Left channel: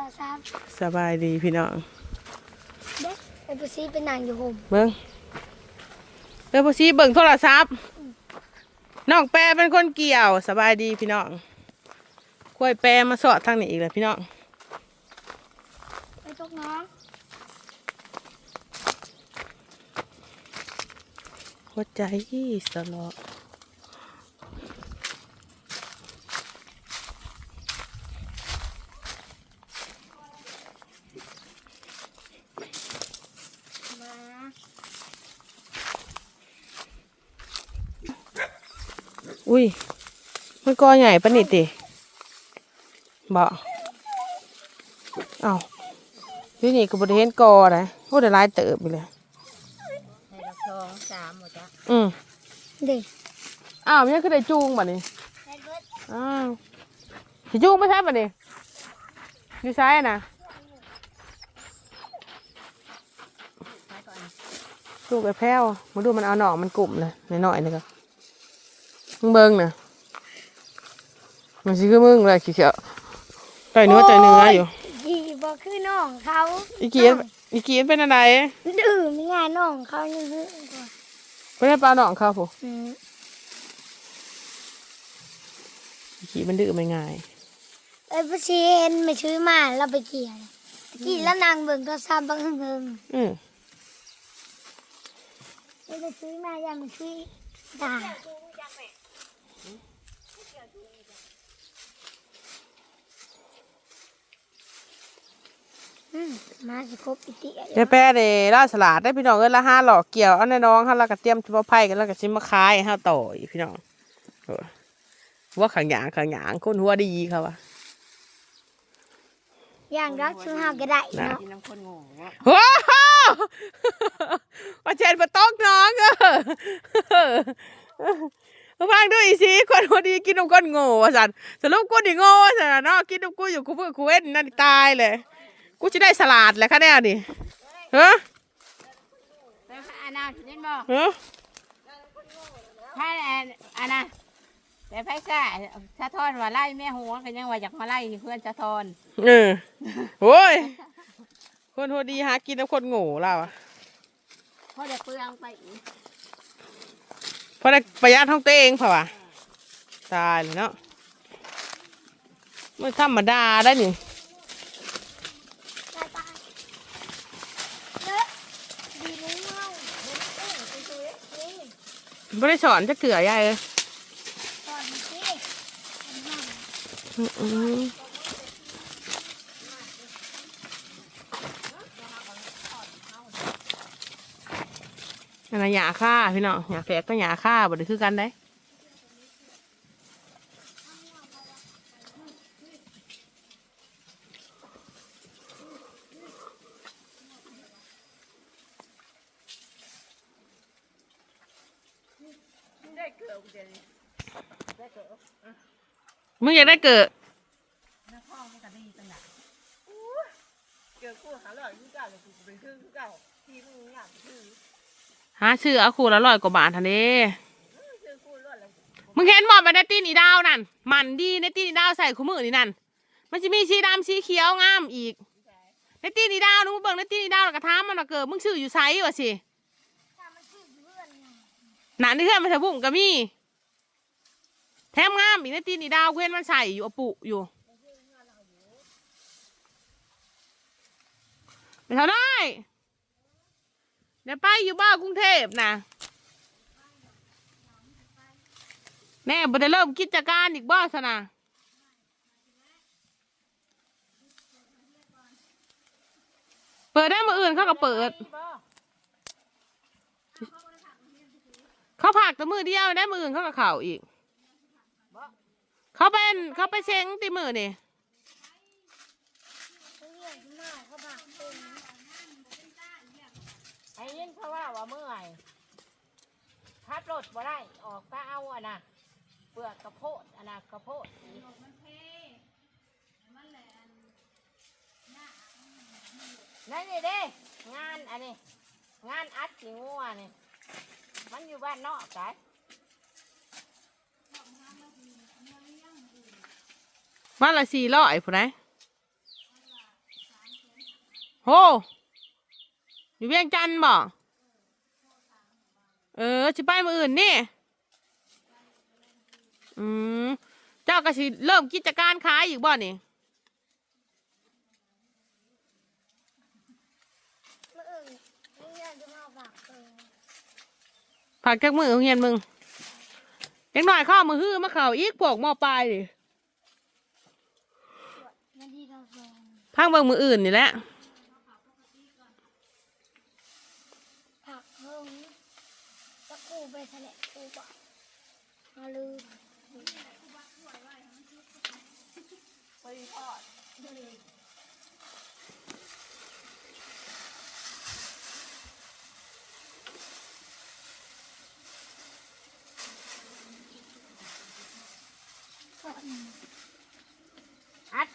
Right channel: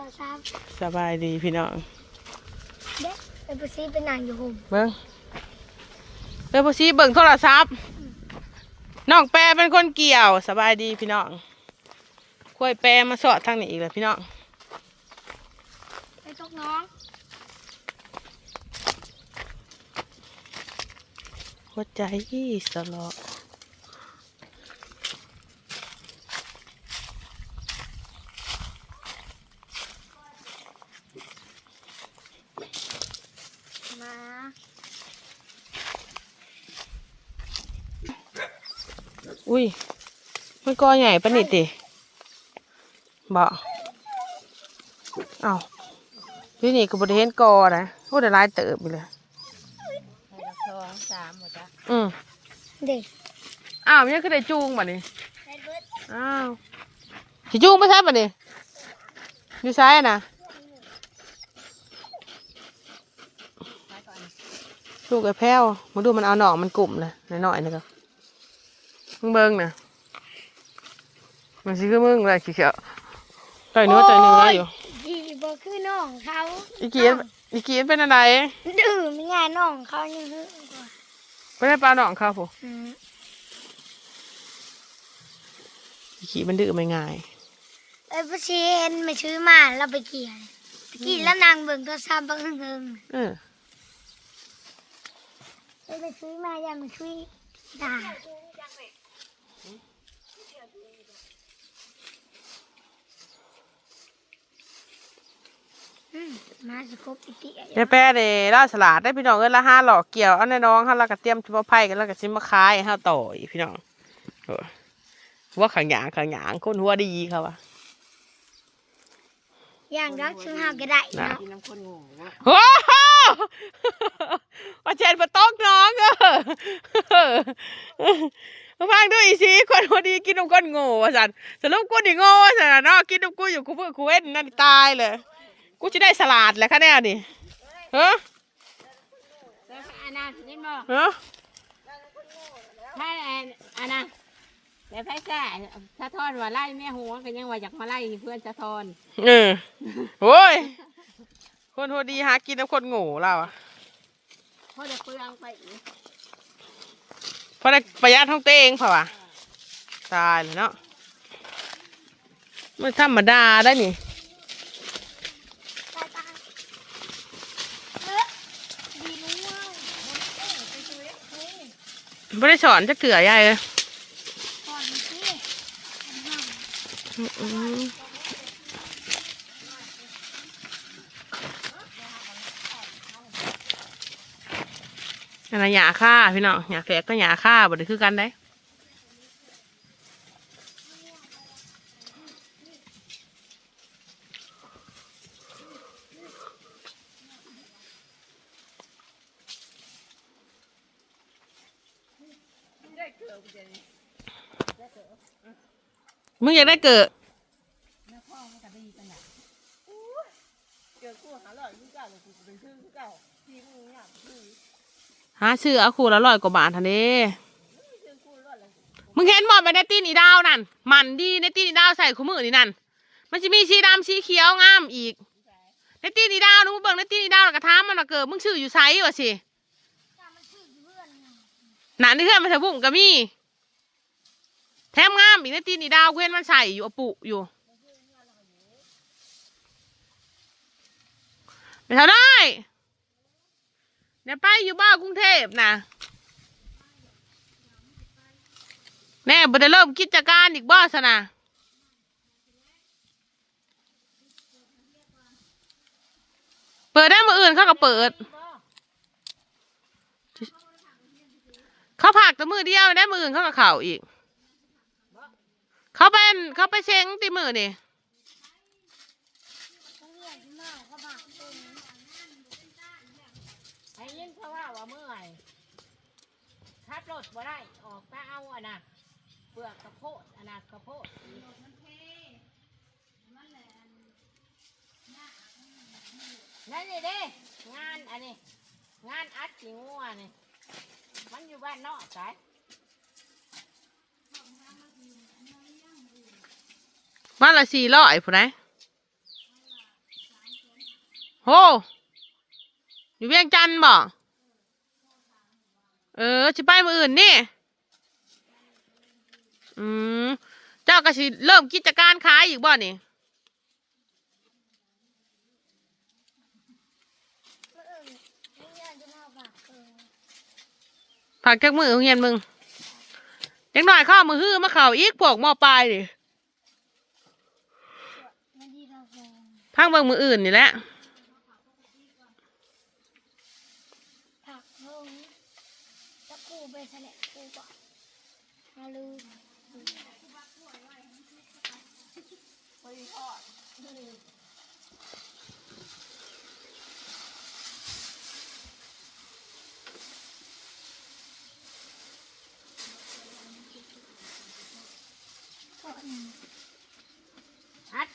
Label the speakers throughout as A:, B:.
A: อซับ
B: สบายดีพี่น้อง
A: เด็กไอ้ปุซีเป็นนางอยู่ผม
B: เบิ้งเบิ้งพอซีเบิ่งโทรศัพท์น้องแปรเป็นคนเกี่ยวสบายดีพี่น้องค่อยแปรมาสอดทางนี้อีกแล้วพี่น้อง
A: ไอ้ตกน้อง
B: หัวใจสลอ
A: มา
B: อุ้ย มันกอใหญ่ปะนี่ติบ่เอ้าที่นี่ก็บริเวณกอนะพูดได้หลายเติบไปเลย
C: สองสามหมดจ้ะ
B: อืม
A: เด็ก
B: อ้าวมันยังคือได้จูงบ่นี่
A: ไอ้เบิร์ด
B: อ้าวสิจูงไม่ใช่บ่นี่อยู่ซ้ายอะนะลูกไอ้แพ้วมาดูมันเอาหนองมันกลุ่มเลยน้อยๆนี่ก็ มึงเบิ่งน่ะมันสิคือมึงเลยขี้เขียวต่อยเนื้อต่อยเนื้ออยู่
A: ดีบ่คือน้องเขา
B: อีเกียนอีเกียนเป็นอะไร
A: ดื้อไม่ง่ายน้องเขายังดื้อกว่า
B: ไม่ได้ปลาหนองเขาผม
A: อืม
B: อีขีมันดื้อไม่ง่าย
A: ไอ้ปุซีเห็นไม่ซื้อมาเราไปเกี่ยวเลยตะกี้แล้วนางเบิ่งโทรศัพท์บังเฮิง
B: เออ
A: ไอ้ไปซื้อมาอย่ามาช่วยด่า มมาจะครบอีกที
B: ยายแป้เด้ล่าสลัดได้พี่น้องเอ้ยละห้าหลอกเกี่ยวเอาในน้องเขาแล้วก็เตรียมชิบะไผ่กันแล้วก็ชิมะคายให้เขาต่ออีกพี่น้องเออว่าขังหยางขังหยางคนหัวดีเขาวะ
A: อย่างรักชื่อห้าก็ได้เนาะ
C: กินน้ำข้นโง่วะ
B: โอ้โหอาจารย์มาต้องน้องเออมาฟังดูอีสิคนหัวดีกินนมก้นโง่สันสรุปกูนี่โง่สันน่ะเนาะกินนมกูอยู่กูเพื่อกูเว้นนั่นตายเลย กูจะได้สลัดแหละค่ะเนี่ยนี่ฮะ
C: แล้วอานาเล่นบ่
B: ฮะ
C: ถ้าอานาแต่ไพ่ซ่าสะท้อนว่าไล่แม่หัวก็ยังว่าอยากมาไล่เพื่อนสะท้อน
B: เออโอ้ยคนหัวดีหากินน้ำคนโง่เราอะ
C: เพราะจะเปลืองไปอีก
B: เพราะได้ประหยัดท้องเต้เองเปล่าวะตายเลยเนาะไม่ธรรมดาได้นี่
A: ดีรู้ว่าไปตัวเล็กนี่
B: ไม่ได้สอนจะเกลือยายเลย
A: อัน
B: นั้นหยาค่าพี่น้องหยาแฝกก็หยาค่าบ่ได้คือกันได้ มึงอยากได้เกิด
C: น้ำพ่อมันก็ดีกันหนัก
B: เกิดคู่หาเลยยิ่งเก่าเลยกูไปซื้อเก่าที่มึงอยากซื้อหาซื้อเอาคู่ละร้อยกว่าบาททันเด้มึงเห็นบอกไปในตีนีดาวนั่นมันดีในตีนีดาวใส่คู่มือนี่นั่นมันจะมีสีดำสีเขียวงามอีกในตีนีดาวนึกว่าเบิ่งในตีนีดาวแล้วก็ถามมันว่าเกิดมึงชื่ออยู่ไซวะสิ
A: ถ้ามันชื่อเพื่อนไง
B: หนาที่เพื่อนมันใส่บุ้มก็มีแถมงามอีกในตีนีดาวเพื่อนมันใส่อยู่อปุอยู่ไม่เท่าได้เดี๋ยวไปอยู่บ้านกรุงเทพนะแน่บ่ได้เริ่มกิจการอีกบ้าสนะเปิดได้มืออื่นเขาก็เปิด เขาผักแต่มือเดียวได้มืออื่นเขาก็เข่าอีก เขาเป็นเขาไปเชงตีมือนี่
A: เขาเรียกแม่เขาบอกเป็น
C: ไอ้ยินเขาว่าว่าเมื่อยขับรถบ่ได้ออกตาเอาอะนะเปลือกกระโพดอะนะกระโพดนั่นนี่เด้งานอันนี้งานอัดสีงัวนี่ มันอยู่บ้านนอกไก
B: วันละสี่ร้อยผู้ใดโหอยู่เวียงจันทน์บ่เออสิไปมืออื่นนี่ อืม เจ้าก็สิเริ่มกิจการขายอีกบ่นี่
A: เมื่ออื่นนี่ยจะมาฝากเออ
B: ผักจากมือโรงเรียนมึงยังหน่อยข้ามือฮื้อมาเข่าอีกพวกมอปลายดิพังเบิ่งมืออื่นนี่แหละ
A: ไปทอ
C: ด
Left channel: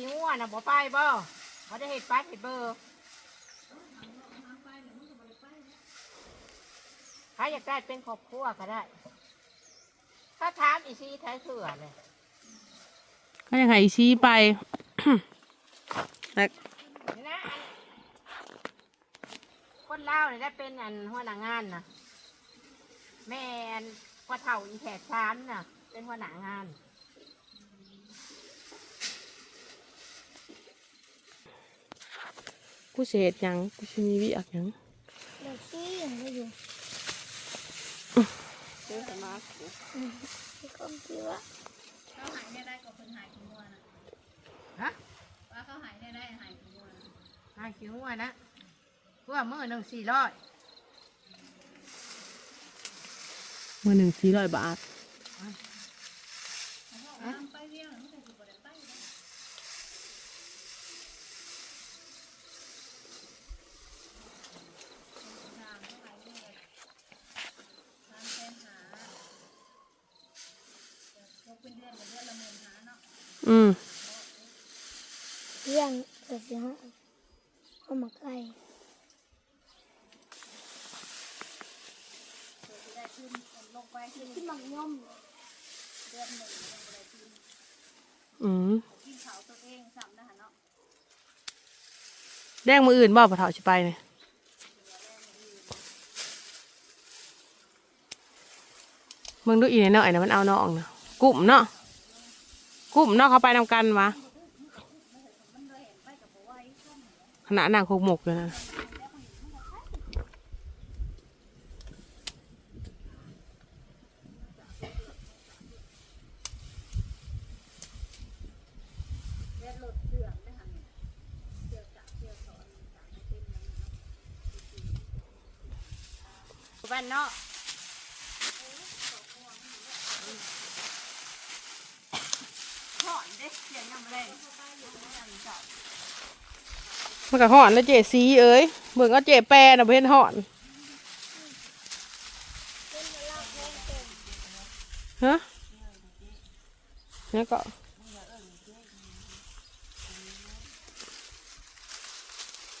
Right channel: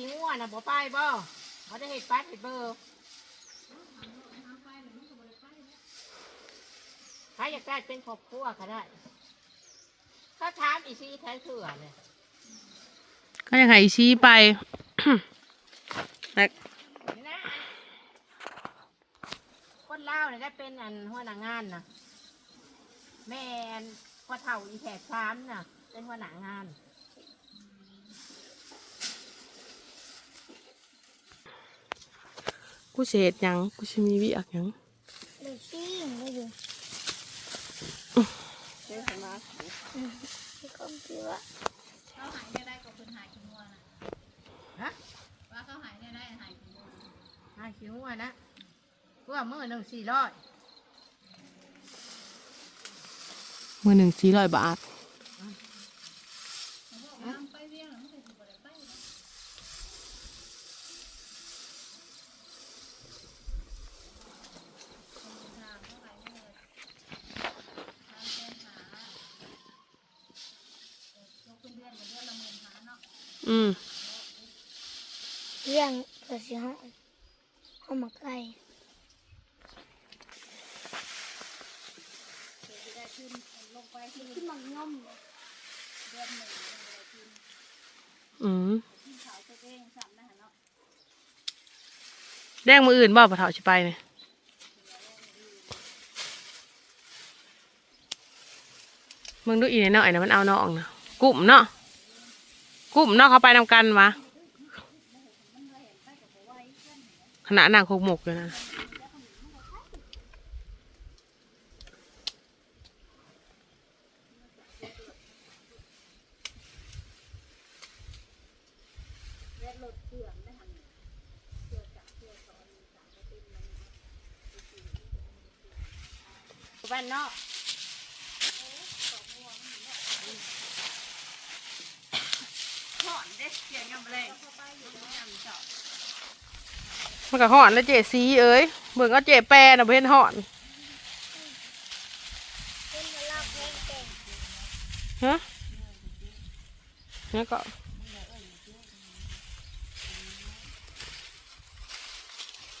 C: ขี้งัวน่ะบ่ไปบ่บ่ได้เฮ็ดปัดเฮ็ดเบอร์ถ้าอยากได้เป็นครอบครัวก็ได้ ถ้าถามอีซีไทยเถื่อเลย
B: ก็ยังไงชี้ไปแต่
C: นี่นะอันคนลาวเนี่ยได้เป็นอันหัวหน้างานนะแม่อันพ่อเฒ่าอีแขกสามน่ะ เป็นหัวหน้างาน
B: กูเสียดหยังกูชิมีวิอักหยัง
A: เด็กซี่ยังไม่อยู่
C: เจ้าสมาร์ท
A: ที่คมคิดว่า
C: หาคิวอะนะเพื่อมือหนึ่งสี่ร้อย
B: มือหนึ่งสี่ร้อยบาท อืม
A: เรื่องเกิดสิห้องห้องมาใกล้
B: อืมแดงมืออื่นบ่ปะเถาชิไปเนี่ยมึงดูอีเนี่ยเนาะไอ้นะมันเอาน้องนะกลุ่มเนาะ กลุ่มเนาะเขาไปนำกันวะขณะนางโคกหมกอยู่นะ
C: บ้านเนาะ
B: มันก็ห่อนแล้วเจซีเอ้ยเบิ่งเอาเจแปรนะเพื่อนห่อนฮะแล้วก็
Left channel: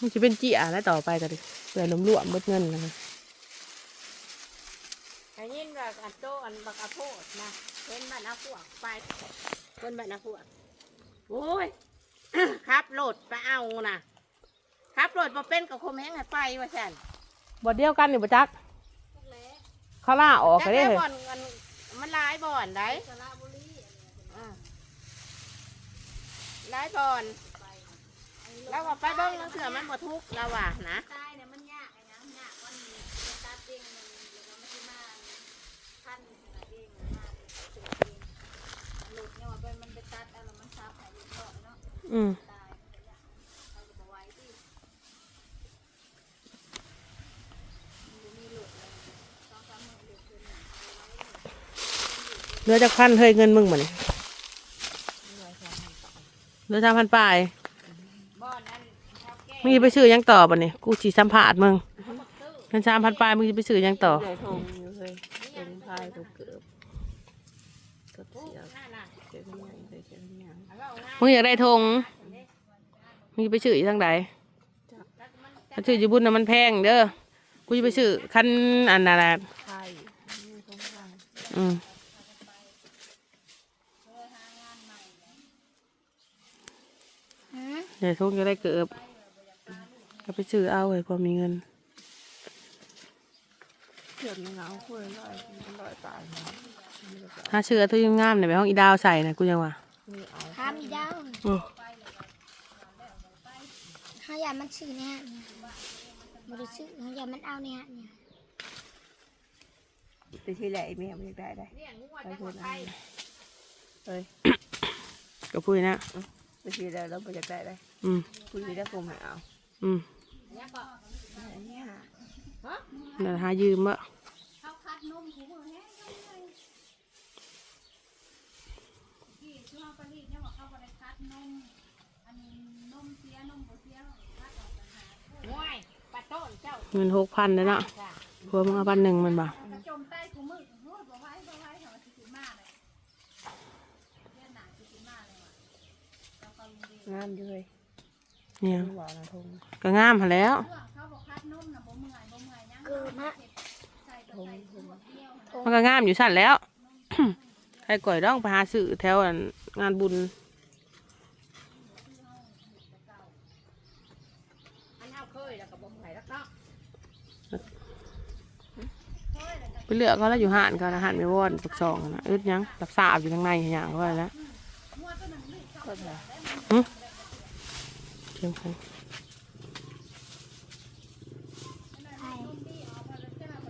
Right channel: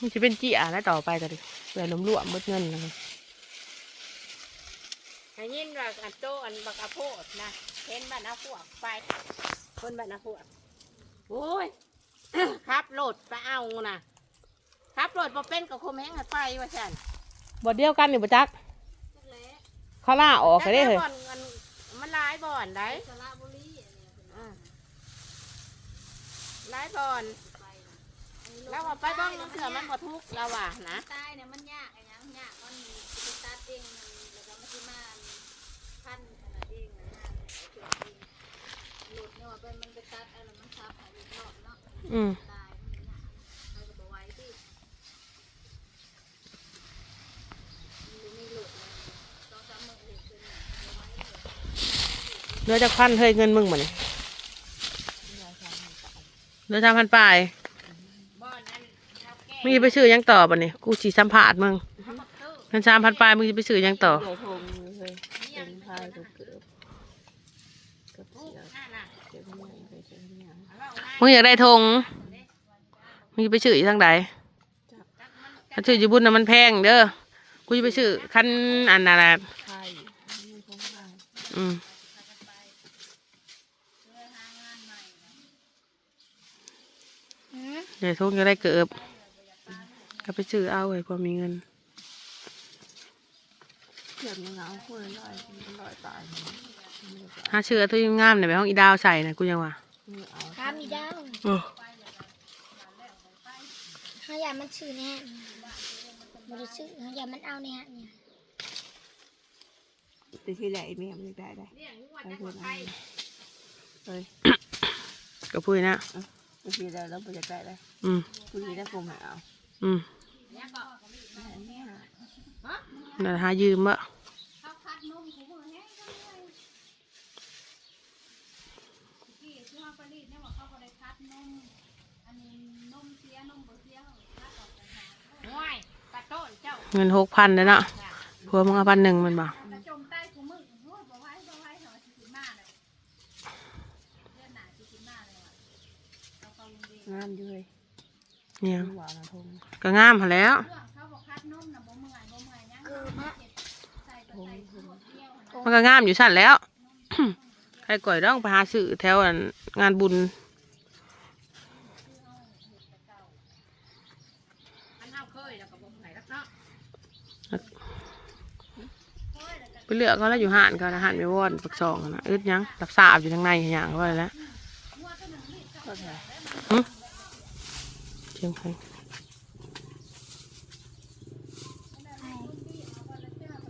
B: มันจะเป็นจีอะแล้วต่อไปกันเผื่อล้มรวมหมดเงินเลย
C: ได้ยินว่าอันโตอันบักอาโพดนะเห็นบ้านอาพวกไป คนบ้านอาพวกโอ้ยครับโหลดไปเอานะครับโหลดมาเป็นกับคมแห้งให้ไปว่าฉัน
B: บ่เดียวกันนี่บ่จักเขาล่าออกไปได้เลย
C: แต่บ่อนอันมันหลายบ่อนได้อืมหลายบ่อนเราว่าไปเบิ้งแล้วเถื่อมันบ่ทุกข์เราว่านะ
D: อืมเนมีหลุดต้องจำหมดหลุดขึ้นน่ะ
B: เหลือจะขั้นเฮ้ยเงินมึงเหมือนเหลือสามพันปลายมึงจะไปซื้อยังต่อบ่เนี่ยกูสีสัมภาษณ์มึงเงินสามพันปลายมึงจะไปซื้อยังต่
C: อ
B: มึงอยากได้ธงมึงจะไปซื้ออีกทางใดถ้าซื้ออยู่บุญน่ะมันแพงเด้อ กูจะไปซื้อคันอันนั้นแหละ
C: พายนี่ทงพาย
B: อืมเดี๋ยวทุกจะได้เกิบก็ไปซื้อเอาเลยพอมีเงิน
C: เกือบยังเอาคุยลอยลอยตายนะไม่ได้
B: หาเชื่อตัวยังงามเนี่ยไปห้องอีดาวใส่นะกูยังว่า
C: ไม่เอา
A: ห้ามมีดาว
B: เออ
A: ห้าอย่ามันชื่อแน่มันจะชื่อห้าอย่ามันเอาเนี่ยเนี่ย
C: แต่ที่ไหนแม่ไม่ได้ได้ไปคืนนั้นเฮ้ย
B: ก็พูดนะ
C: แต่ที่ไหนเราไม่ได้ได้ได้
B: อืม
C: คุยได้กูไม่เอา
B: อืม
C: อะไรเนี่ย
B: นั่นหายืมวะ
D: เขาคัดนมหูมือแห้งเลยที่ที่เขาผลิตเนี่ยบอกเขาก็ได้คัดนม อันนี้นมเสียนมบ่เสียเขาคัดออกต่างหากง่ายปะโต้น เจ้า
B: เงินหกพันเลยนะพัวมึงเอาพันหนึ่งมันบ่
D: กระจมใต้กูมือโอ้บ่ไว้บ่ไว้เขาสิสิมาเลยเรียนหนาสิสิมาเลยว่ะเอาไปโรงเรียน
C: งานด้วย
B: เนี่ย
C: ไม่หวานนะทง
B: ก็งามหั้นแหล้ว
D: เรื่องเขาบอกคัดนมน่ะบ่เมื่อยบ่เมื่อยยัง
A: เกิดมา
D: ใส่ก็ใส่ขวดเดียวหั่น
B: มันก็งามอยู่สั่นแล้วใครก่อยร้องไปหาซื้อแถวอันงานบุญ
C: มันเอาเคยแล้วก็บอกไหนรักเนาะ
B: ไปเลือกเขาแล้วอยู่ห้านเขานะห้านไม่วอดปักซองนะอึดยังรับทราบอยู่ทางในอย่างเขาไว้แล้ว
C: เถอะ
B: เชียงพัน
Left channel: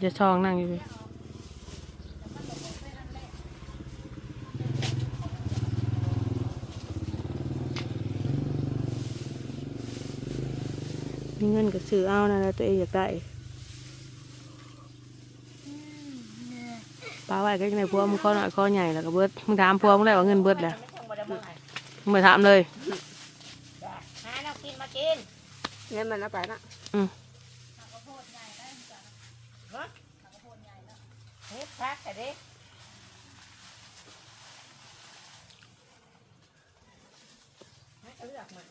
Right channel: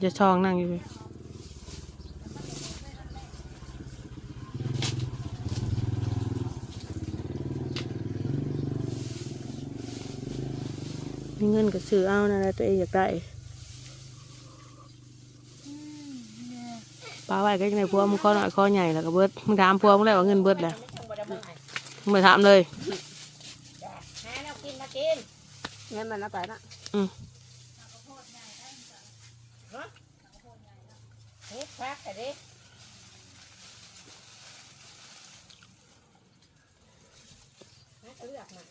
B: จะซองนั่งอยู่มีเงินก็ซื้อเอานะแล้วตัวเองอยากได้
A: อืมเนี่ย
B: ป้าไว้ก็ยังไงพวกมึงข้อหน่อยข้อใหญ่แล้วก็เบิดมึงถามพวกมึงแล้วว่าเงินเบิดแหละ
C: บ่ได้เบิ่งให้
B: มึงไปถามเลย
C: หาแล้วกินมากินเงินมันเอาไปนะ
B: อืม
C: เฮ็ดพักแต่ดิเอาเลือกมา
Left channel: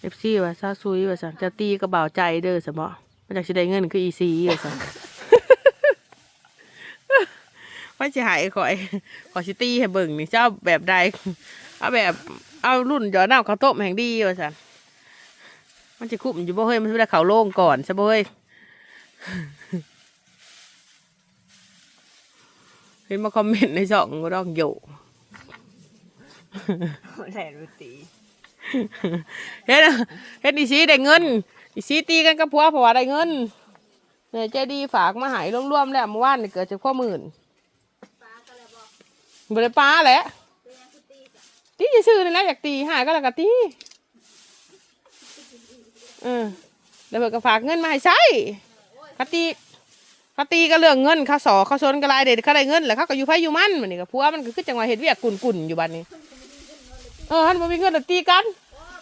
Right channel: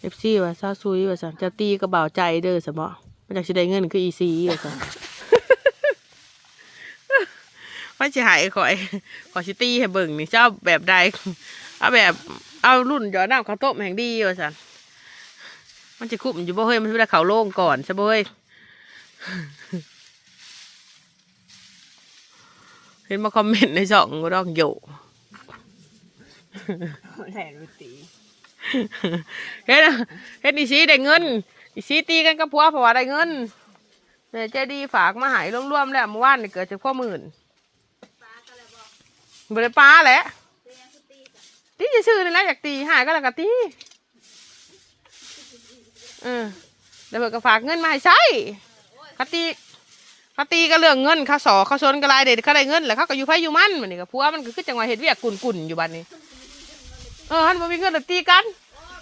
B: เอฟซีว่าซาซุยว่าสันเจ้าตีก็เบาใจเด้อสมอมาจากสิได้เงินคืออีซีว่าสัน ว่าจะหายข่อยขอชิตี้ให้เบิ่งนี่เจ้าแบบใดเอาแบบเอารุ่นย้อนน้ำข้าวต้มแห่งดีว่าสันมันจะคุ้มอยู่บ่เฮ้ยมันไม่ได้เขาโล่งก่อนใช่บ่เฮ้ยเห็นมาคอมเมนต์ในช่องก็ต้องโย
C: แหล่รุตี
B: เฮ็ดเฮ็ดอีซีได้เงินอีซีตีกันกับผัวเพราะว่าได้เงินเนี่ยใจดีฝากมาใหายรวมๆแล้วเมื่อวานนี่เกิดจากข้อหมื่น บริป้าแหละตีจะซื้อเลยนะอยากตีหายก็แล้วก็ตีเออแล้วเบิกก็ฝากเงินมาให้ใช้เขาตีเขาตีก็เรื่องเงินเขาสอเขาชนก็รายเด็ดเขาได้เงินแล้วเขาก็อยู่ไผอยู่มันเหมันนี่ก็ผัวมันก็คือจังหวะเฮ็ดเวียกกุ่นอยู่บัดนี้ เออฮันบ่มีเงินแล้วตีกัน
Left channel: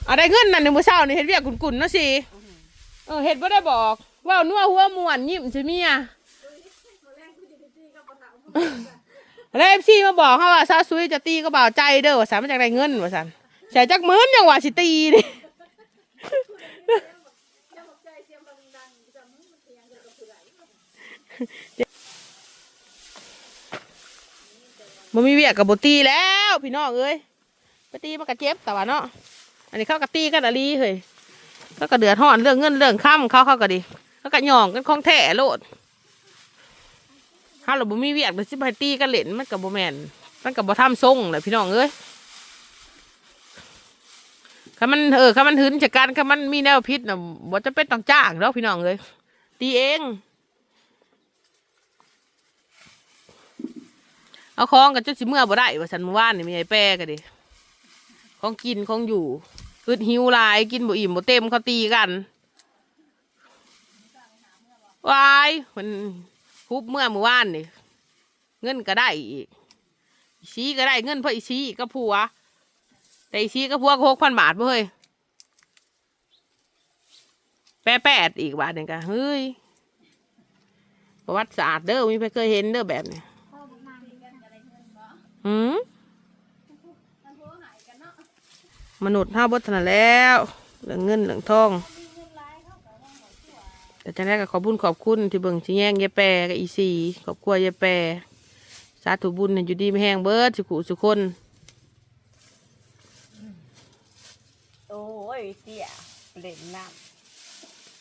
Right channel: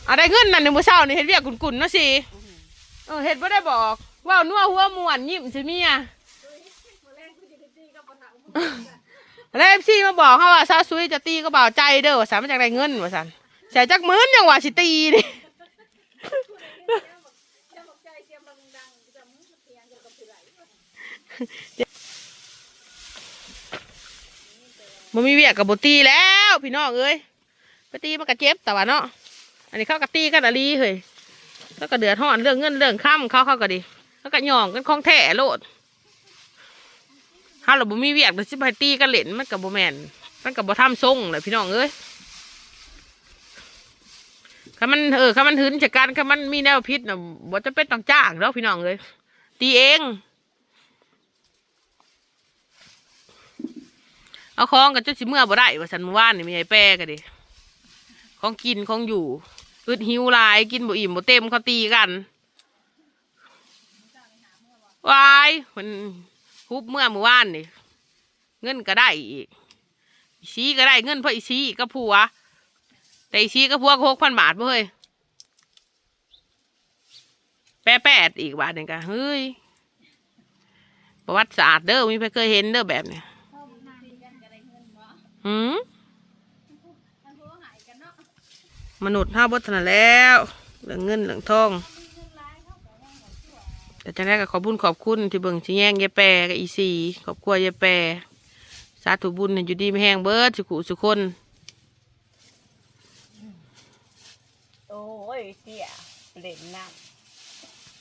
B: เอาได้เงินนั่นในมือเช้านี่เฮ็ดเวียกกุ่นๆเนาะสิเออเฮ็ดบ่ได้บอกว่านัวหัวม่วนยิ้มสิเมีย แล้ว FC มาบอกเฮาว่าซาซุยจะตีก็บ่าวใจเด้อว่าซั่นมันจักได้เงินว่าซั่นเสียจักหมื่นยังว่าสิตีนี่บ่มีเวียกกับบตีแล้วพี่น้องเอ้ยไปตีมันก็เจ็บแต่ว่าเนาะอันนี้เขาก็ตีกันอะลีเฮ้ยเขาก็เดือดร้อนเรื่องเงินเรื่องค่ำเขาเขาก็ดีเขาก็หย่องกันของแท้โลด ถ้าเราบ่มีเวียกเดี๋ยวสิไปตีกันเล่นมันก็บ่แมนมันก็บ่ทำทรงเลยพี่น้องเอ้ยถ้ามันเออถ้ามันหืนจากการถ้ามันมีแนวพิษน่ะบ่จะเป็นต้องจ้างแล้วพี่น้องเอ้ยตีเอง เอาของกันจนสิเมื่อบ่ได้ว่าสันมื่อวานนี่มีไอ้แป้กันดิของกินของอยู่อึดหิวลายกินบ่อิ่มบ่เต็มเขาตีกันวายมัน ฮุบเมื่อเมื่อวานนี่เงินก็ได้อีกอีซีก็ได้เงินเพราะอีซีก็ผัว แต่อีซีก็ผัวหกพันบาทบ่เฮ้ยแปะแปดอีกบาทหนึ่งกันเฮ้ยประวัติศาสตร์เด้อมีใครเคยเห็นเด้อแบบเนี้ย
A: พ่อบอกนานดีกัน
B: หืม
D: มันโทรหายกันเนาะ
B: มนุษย์ห้าบทนาแล้วเรื่องเงินเรื่องทอง แต่จังแรกก็ขอบุญขอบคุณที่เบิ่งที่แย่งยายแปรกับอีสีขอบครัวยายแปรสาธุบุญเนี่ยอยู่ดีไม่แห้งเบิดสุขุสุคน
C: โอ้ยเตี้ยเปล่นน้ำ